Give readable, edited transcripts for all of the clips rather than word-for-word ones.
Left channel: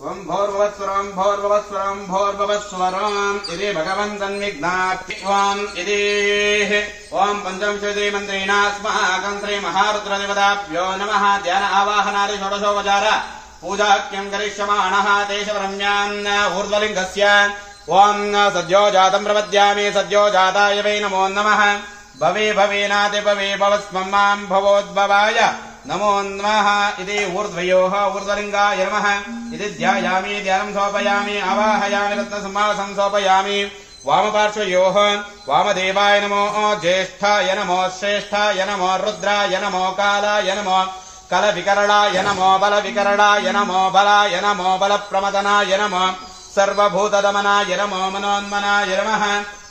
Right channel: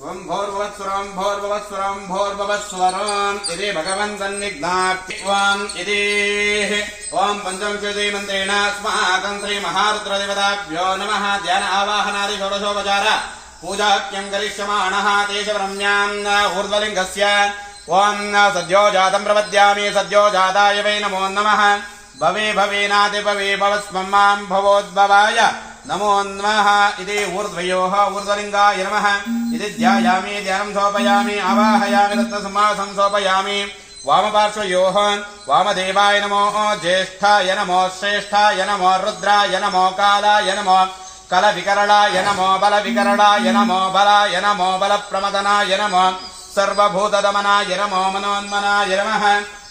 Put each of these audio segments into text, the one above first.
ओम भोर्भवस्वरम इति भगवन्तन्विघ्नाप्ति ओम इति ओम पंचमशोदे मंत्रेण अस्माकं श्री महारुद्रदेवताभ्यो नमः। ध्यान आवाहनादि षोडशोपचार पूजाख्यं करिष्यमाणः देशब्रह्म्यान् ऊर्ध्वलिङ्गस्य ओम सद्यो जातं प्रपद्यामि सद्यो जाताय वै नमो नमः। भवे भवेनाति भवे भवस्मं मां भवोद्भवाय नमो नमः इति ऊर्ध्वयोः ऊर्ध्वलिङ्गाय नमः इति ध्यायामि ध्यानं समर्पयामि आवाहयामि रत्नसमासं समर्पयामि। वामपार्श्वयोः वामदेवाय नमो ज्येष्ठाय नमो श्रेष्ठाय नमो रुद्राय नमो कालाय नमो कलविकरणाय नमो बलविकरणाय नमो बलाय नमो बलप्रमदनाय नमो सर्वभूतदमनाय नमो मनोन्मनाय नमः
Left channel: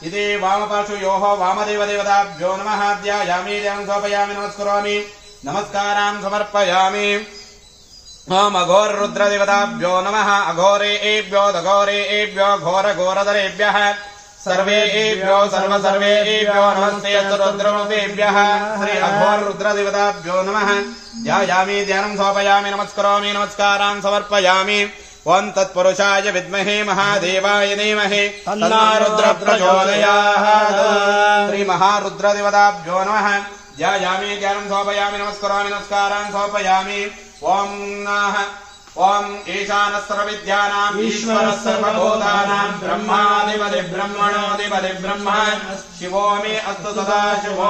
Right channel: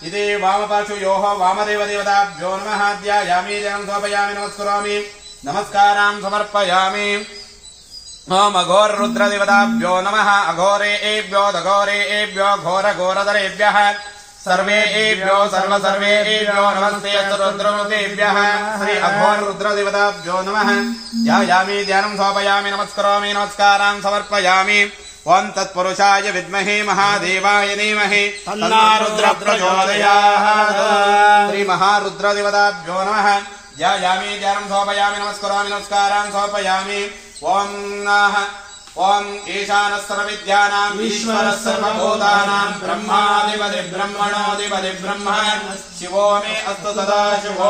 इति वामपार्श्वयोः वामदेवदेवताभ्यो नमः। ध्यायामि ध्यानं समर्पयामि नमस्करोमि नमस्कारान् समर्पयामि। ओम अघोर रुद्रदेवताभ्यो नमः। अघोरेभ्यो दघोरेभ्यो घोरघोरधरेभ्यः सर्वेभ्यो सर्वेभ्यो नमस्ते रुद्रदेभ्यः श्री अघोर रुद्रदेवताभ्यो नमः। ध्यायामि ध्यानं समर्पयामि नमस्करोमि नमस्कारान् समर्पयामि। ओम तत्पुरुषाय विद्महे महादेवाय धीमहि तन्नो रुद्रः प्रचोदयात् श्री महारुद्रदेवताभ्यो नमः। ध्यायामि ध्यानं समर्पयामि नमस्करोमि नमस्कारान् समर्पयामि। ओम ओम ईशानः सर्वविद्यानाम् ईश्वरः सर्वभूतानां ब्रह्माधिपति ब्रह्मणोऽधिपति ब्रह्म शिवो मे अस्तु सदा शिवो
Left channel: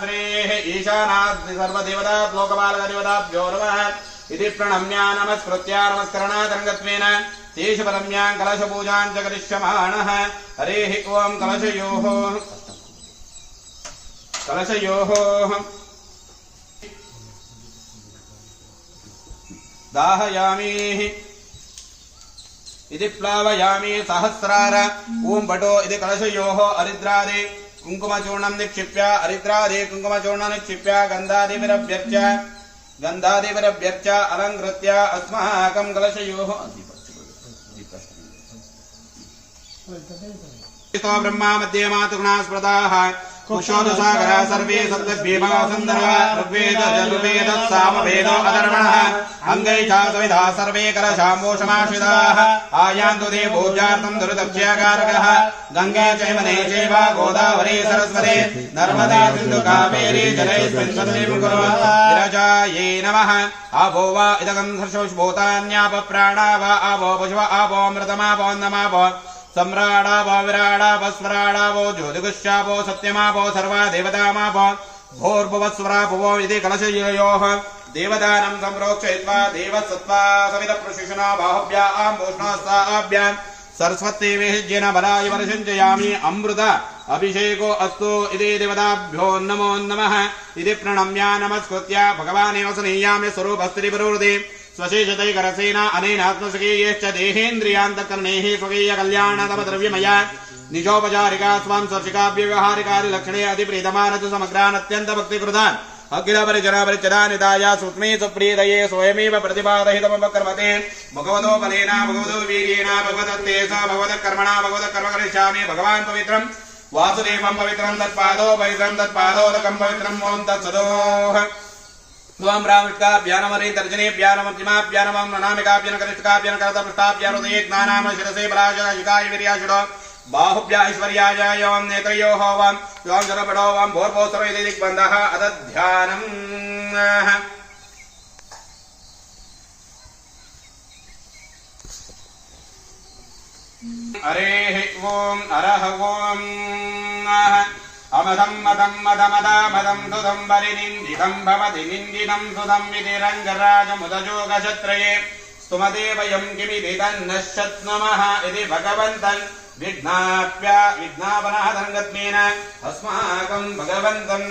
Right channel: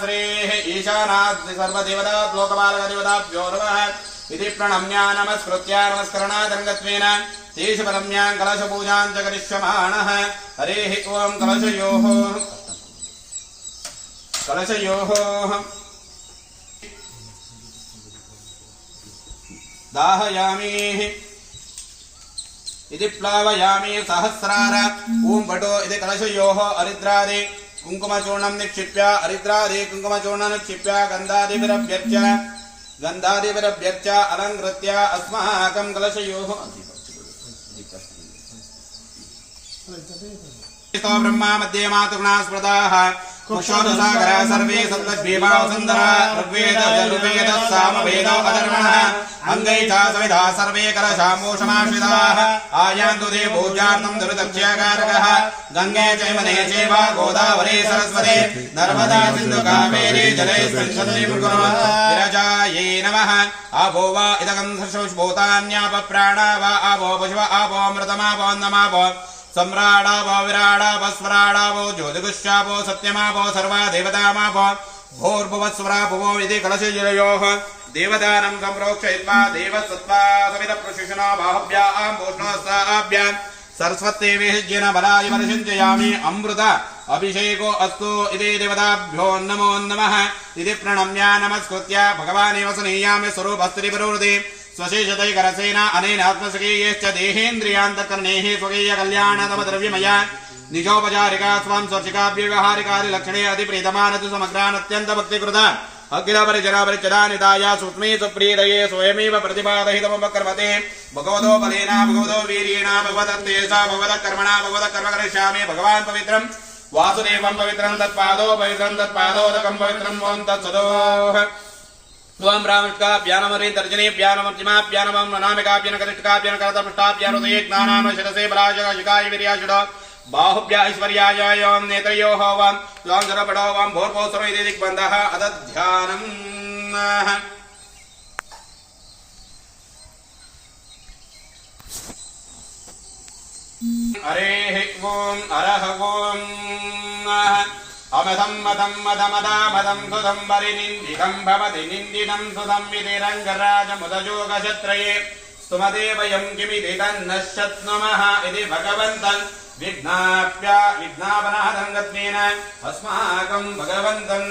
श्रीः ईशानात् सर्वदेवता लोकपालकदेवताभ्यो नमः इति प्रणम्य नमस्कृत्य नमस्करणादरङ्गत्वेन तेषु परम्यां कलशपूजां च करिष्यमाणः। हरिः ओम कलशयोः दाहयामि इति प्लावयामि सहस्रार ओम भटो इति कलशयोः अरिद्रादि कुङ्कुमचूर्णं निक्षिप्य अरिद्रादि कुङ्कुमचूर्णं निक्षिप्य गन्धादिभिरभ्यर्च्य अलङ्कृत्य अस्माकं कलशयोः ब्रह्मा मध्ये मातृगुणा स्मृताः कुक्षोदसागरः सर्वे सप्तभीमावसुन्दरः ऋग्वेद यजुर्वेद सामवेद अधर्वणः अङ्गै च सविधा सर्वे कलशाम्बोषमाश्रिताः आयान्तु ते पूजार्थं दुर्दक्षकारकः गङ्गे चैमने चैव गोदावरी सरस्वती नर्मदा सिन्धु कावेरी जलेऽस्मिन् सन्निधिं कुरु विरजायै नमः। आभो वा इदगं सर्वभूतान्याप प्राणा वा आवो पशुव आवो अमृतमावो अन्नमावो सम्राडावो विराडावो स्वराडावो ज्योतिगुष्यावो सत्यमावो सर्वा देवतामावो भोर्भुवस्वराभुवो इति कलशयोः देवदानं सम्प्रोक्षयित्वा देवसत्त्वा सवितप्रशिशुना बाहुभ्यां भूषणस्ताभ्यां सरस्वती विहिज्येन बलाय वर्षञ्चयामि। अमृत अभिषेको अस्तु इति देवताभ्यो नमो नमः इति प्रणम्य नमस्कृत्य भगवानेव स्नेह्यामि स्वरूपस्त्रिपुरुहृदि स्वशेषतैकरसेन अनेन आत्मसखीयश्च देहेन्द्रियान्तःकरणैः स्वकीयकल्याणतमद्रव्यमया निजोपचारिका स्वां स्वर्शिकाव्यव्यवहारिकादि लक्षणे अतिप्रीतमानतु समग्रान् अत्यन्तभक्तिकृतान् अखिलपरिजनपरिचदानिताय सूक्ष्मे सुप्रीतये स्वयमेव प्रतिपादहितमुपकर्मते भगवतो बलेन भगवतो वीर्येण भगवदत्ते स भगवतः कर्मणा भगवतः कर्म करिष्यामि। भगवान् पवित्रं वासुदेवं पवित्रं तत्पादोदकं पवित्रं ओं तत्सदोः। त्वं रामष्काभ्यानमरे तर्जनेभ्यानमर्जिमाभ्यानमं ननामिकाभ्यनकरिष्ठकाभ्यनकरतपृष्ठाभ्यनुदये ज्ञानान् शिरसे पराशकाशिकाय वीर्याशुर बाहुभ्य ऐश्वर्याय यों नेत्रयोः वं त्वां जलपडो वं भोर्भोस्रो इति दिग्बन्धः अदध्यानम्। हरेः ओं अरह ओं अमदं मदं मदमदामदं सुदं वरिनिन्दितं भवति निन्दितं सुदं विधिरङ्गराजमुदयोगक्षत्रये स्तुमदेवयं किमिति तन्न शक्नुमः इति भगवन्तं विज्ञापनादरङ्गत्वेन अस्माकं भगवन्तं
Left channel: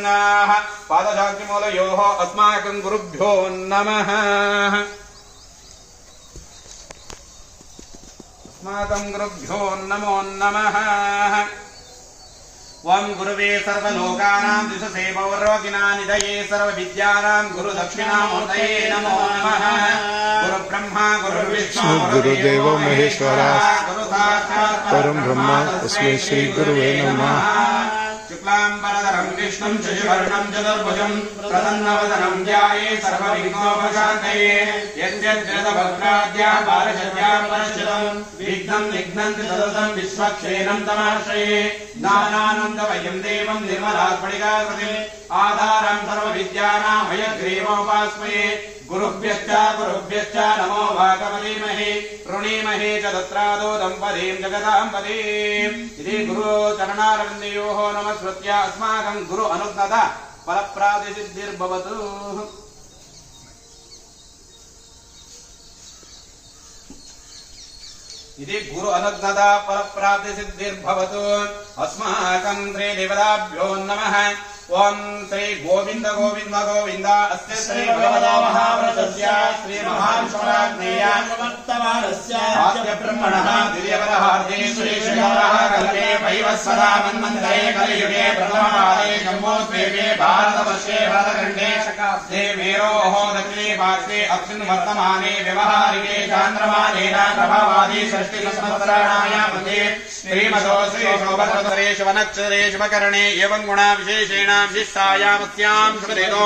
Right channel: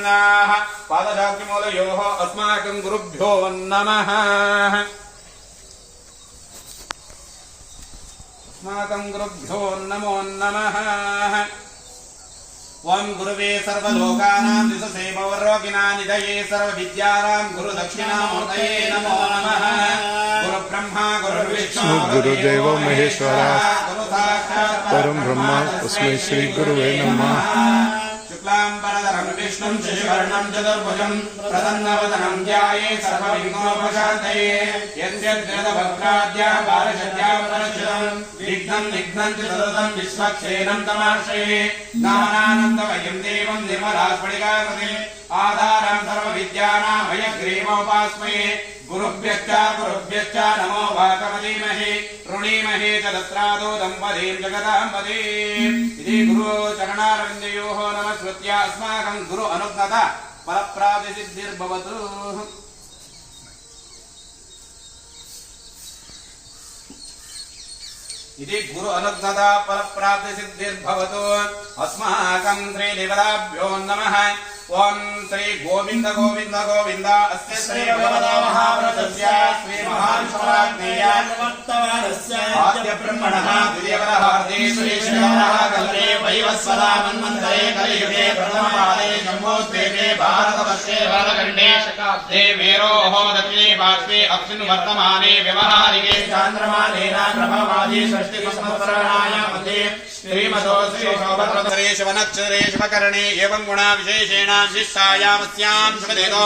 पादशाक्तिमूलयोः अस्माकं गुरुभ्यो नमः। अस्माकं गुरुभ्यो नमो नमः। ओं गुरुवे सर्वलोकानां दिशसे भवरोगिणां निधये सर्वविद्यानां गुरुदक्षिणामूर्तये नमो नमः। गुरुब्रह्मा गुरुर्विष्णु गुरुदेव महेश्वरः परं ब्रह्म तस्मै श्री गुरुवे नमः। शुक्लां वरदरां शुक्लाम्बरधरं विष्णुं शशिवर्णं चतुर्भुजं प्रसन्नवदनं ध्यायेत् सर्वविघ्नोपशान्तये यद्यद्रदवक्त्राद्याः बालशद्यां परश्चितं विघ्नं निघ्नन्ति सततं विश्वक्सेनं तमाश्रये ज्ञानानन्दमयं देवं निर्मलास्फटिकाकृतिम् आधारं सर्वविद्यानां हयग्रीवोपास्महे गुरुभ्यश्च नमो वाकमधीमहे ऋणीमहे च तत्रादो दम्पतीं जगदाम्बतीम् इति गुरुचरणारविन्दयोः नमस्कृत्य अस्माकं गुरु अनुज्ञता फलप्राप्तिसिद्धिर्भवतु। इति गुरु अनुज्ञता फलप्राप्तिसिद्धिर्भवतु। अस्माकं श्रीदेवताभ्यो नमः। ओम श्री गोविंद गोविंद गोविंद अस्य श्री भगवता महाव्रतस्य श्री महाविष्णुराज्ञेय प्रवर्तमानस्य आद्य ब्रह्मणः द्वितीयवरहार्दे श्री श्रीरामः कल्पे वैवस्वता मन्वन्तरे कलियुगे प्रथमपादे जम्बोद्वीपे भारतवर्षे भरतखण्डे शकाब्दे मेरोः दक्षिणे पार्श्वे अस्मिन् वर्तमाने व्यवहारिके चान्द्रमानेन प्रभावादि षष्टिसंवत्सराणाय मध्ये श्रीमतो श्रीशोभद्रतरेश वनक्षरेश वकरणे एवं गुणा विशेषेण विशिष्टायामस्यां शुभदेतो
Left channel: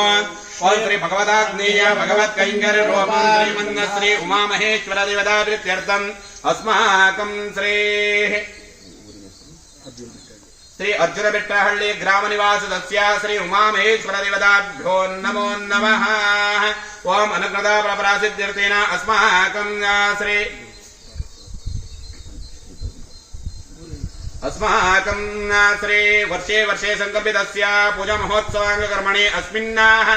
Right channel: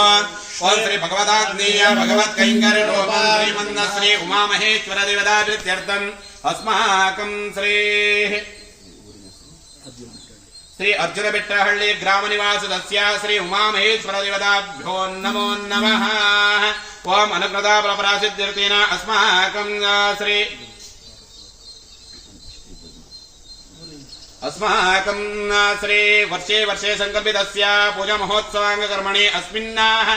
ओम श्री भगवताग्नेय भगवत्कैङ्कर्य रूपं श्रीमन्न श्री उमामहेश्वर देवताप्रीत्यर्थम् अस्माकं श्री अर्जुनबेट्टहಳ್ಳಿ ग्रामनिवासदस्य श्री उमामहेश्वर देवताभ्यो नमो नमः। ओम अनुग्रता फलप्राप्तिसिद्ध्यर्थेन अस्माकं श्री वर्षे वर्षे संकल्पितस्य पूजा महोत्सवाङ्गकर्मणे अस्मिन्नाः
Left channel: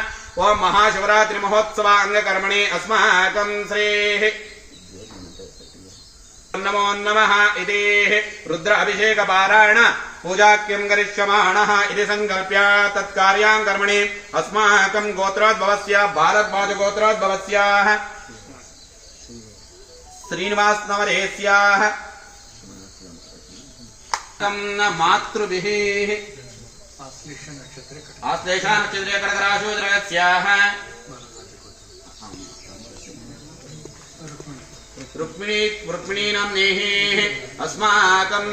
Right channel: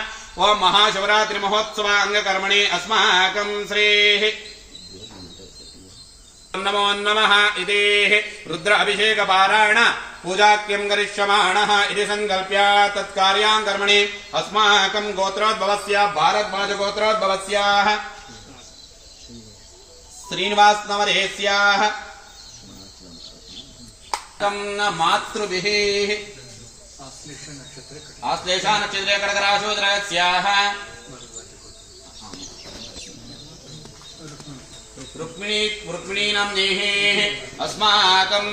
ओम महाशिवरात्रि महोत्सवाङ्गकर्मणे अस्माकं श्री नमो नमः इति रुद्र अभिषेक पारायण पूजाख्यं करिष्यमाणः इति संकल्प्य तत्कार्याङ्कर्मणे अस्माकं गोत्रोद्भवस्य भारद्वाज गोत्रोद्भवस्य श्रीनिवास नवरेस्याः मातृभिः आश्लेषा नक्षत्रे कर्कराशोदरस्याः रुक्मिणी नाम्नेः अस्माकं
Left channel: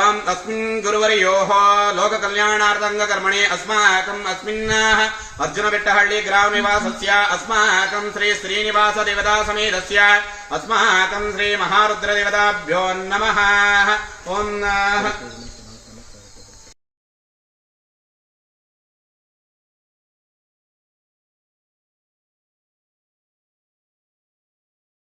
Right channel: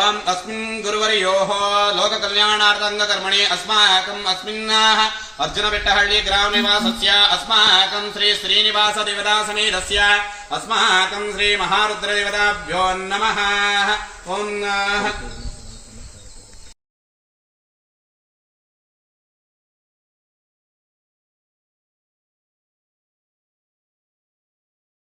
ओम अस्मिन् गुरुवर्योः लोककल्याणार्थाङ्गकर्मणे अस्माकम् अस्मिन्नाः अर्जुनबेट्टहಳ್ಳಿ ग्रामनिवासस्य अस्माकं श्री श्रीनिवास देवतासमेतस्य अस्माकं श्री महारुद्रदेवताभ्यो नमः। ओम